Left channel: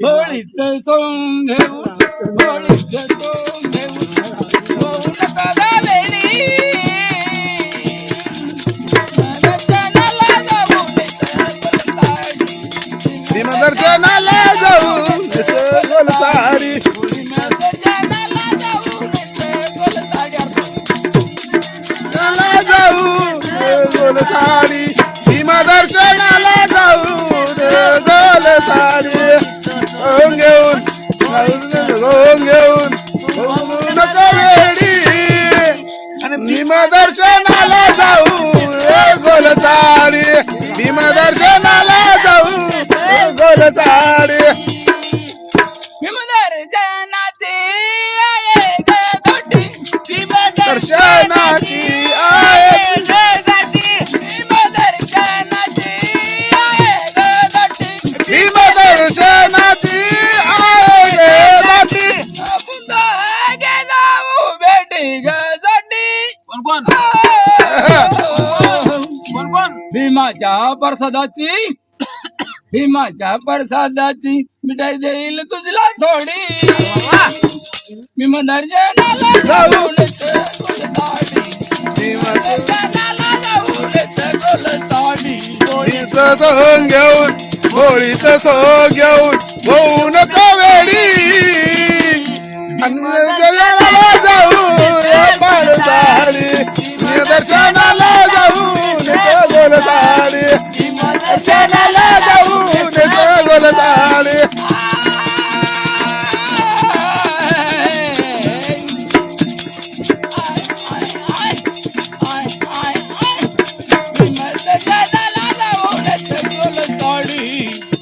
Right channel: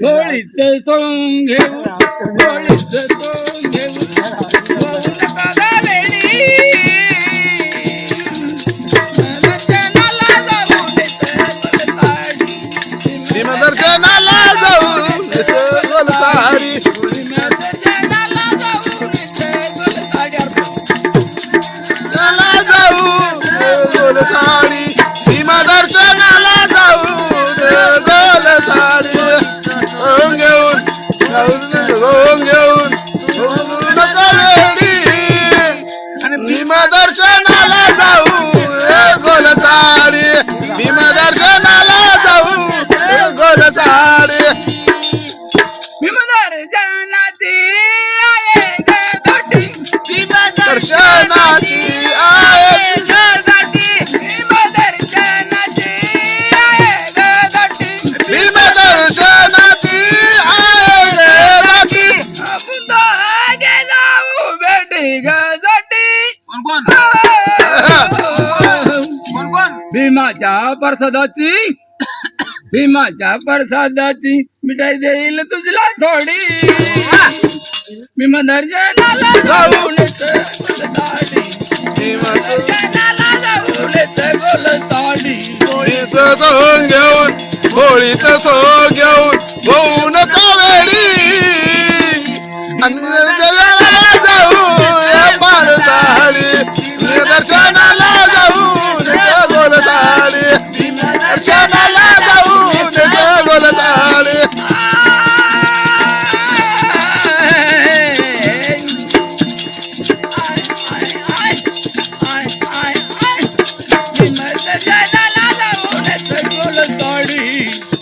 होळीत सोंग घेऊ होळीत सोंग घेऊ दर्शनाला जाऊ गोल साडी गोल साडी भीमा दर्शनाला जाऊ गोल साडी घेऊन घेऊन भीमा दर्शनाला जाऊ गोल साडी भीमा दर्शनाला जाऊ गोल साडी दर्शनाची आहे भीम दर्शनाची आहे भीमाच्या प्रसादाची भीमाच्या प्रसादाची मिठाई देईल तुझला थोडी भीम दर्शनाला जाऊन होळीचं सोंग घेऊन होळीचं सोंग घेऊन होऊ नको वेडी दर्शनाला जाऊ पार साडी दर्शनाला जाऊ गोल साडी दर्शनाला जाऊ गोल साडी साडी